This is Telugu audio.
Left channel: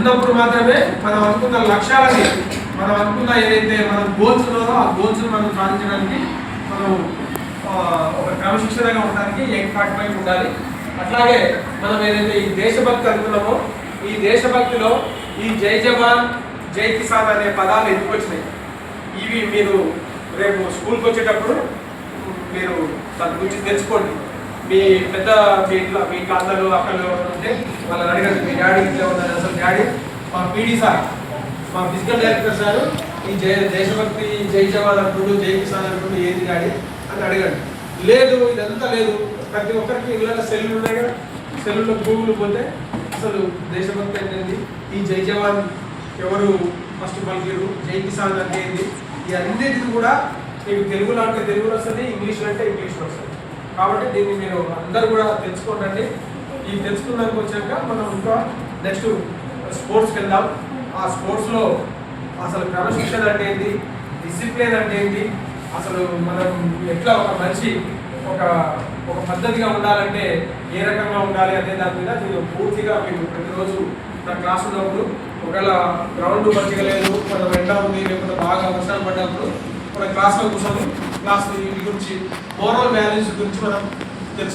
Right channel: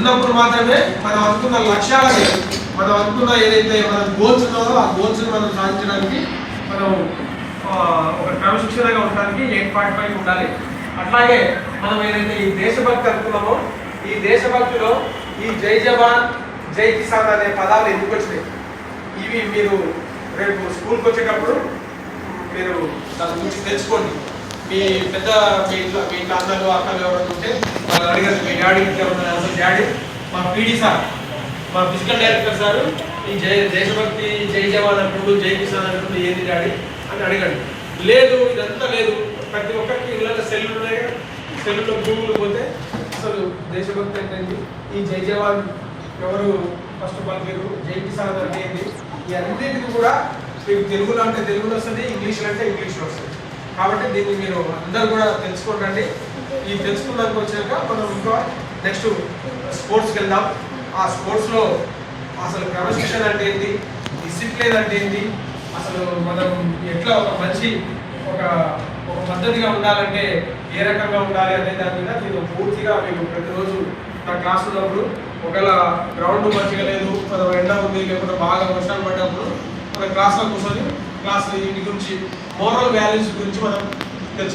ఉన్నప్పుడు మాత్రమే మనం అనుకున్న లక్ష్యాలని మనం అనుకున్న ఏదైతే మన గోల్స్ ఉన్నాయో ఆ గోల్స్ మనం సాధించడానికి మనం ఒక క్రమశిక్షణగా ఉండడానికి 8.5 ఉండాలి. అట్లాగే మనం ఏదైతే ఈ దేశభక్తి అనుకున్నామో ఈ దేశభక్తిలో ఈ జై జవాన్ జై కిసాన్ అనే పదాలు ఎందుకు వచ్చినాయి, ఇవి మీరు రేపు స్కూల్కి వచ్చేటప్పుడు మీరు దాని గురించి తెచ్చుకోండి. మీ పెద్ద మీ ఇంట్లో అన్నలు అక్కలు ఎవరైనా ఉంటే వాళ్ళు అడిగారు మీ డాడీ ఇంట్లో ఉన్నారు, అసలు డాడీ మా పీడీ సార్ మా ఫిజికల్ డైరెక్టర్ సార్ ఈ దేశభక్తి జై జవాన్ అంటుడు జై కిసాన్ అంటుడు ఏంది డాడీ అని అడగండి. లేదు ఇదంతా లేదు, ప్రతి ఒక్కరికి ఇళ్ళ సెల్లు ఉన్నాయి కదా, సెల్లులో గూగుల్ పోతే అసలు దేశభక్తి అంటే ఏంది, ఈ జై జవాన్ ఎవరు ఫస్ట్ పలికిరు, జై కిసాన్ అంటే ఏంది, ఈ అన్నిటికీ కూడా మీకు తెలుగులో అంటే తెలుగులో వస్తుంది, ఇంగ్లీష్లో అంటే ఇంగ్లీష్లో వస్తుంది. కాబట్టి దీన్ని మీరు అందరూ కూడా తెలుసుకోండి. ఈ తెలుసుకున్నాక వచ్చాక మనం ఇంకా నెక్స్ట్ స్పోర్ట్స్కి వెళ్దాం. ఆ స్పోర్ట్స్లో అసలు క్రమశిక్షణ అంటే ఏంటి, డిసిప్లిన్ అంటే ఏంటి, అసలు మనం ఎట్లా ఒక మంచి ఒక పద్ధతిగా ఉండాలంటే ఏ రకంగా ఉండాలి అనే దాని మీద నేను పూర్తిగా మీకు ప్రతిరోజు నా క్లాస్ ఉన్నప్పుడు ఒకవేళ గ్రౌండ్ మంచిగా లేదు, మనం ఎండ ఉంది, లేకపోతే బాగా వర్షాలు పడ్డప్పుడు మన క్లాస్లో కూర్చొని క్లాస్ వీటి గురించి మోరల్ వాల్యూస్ గురించి మనం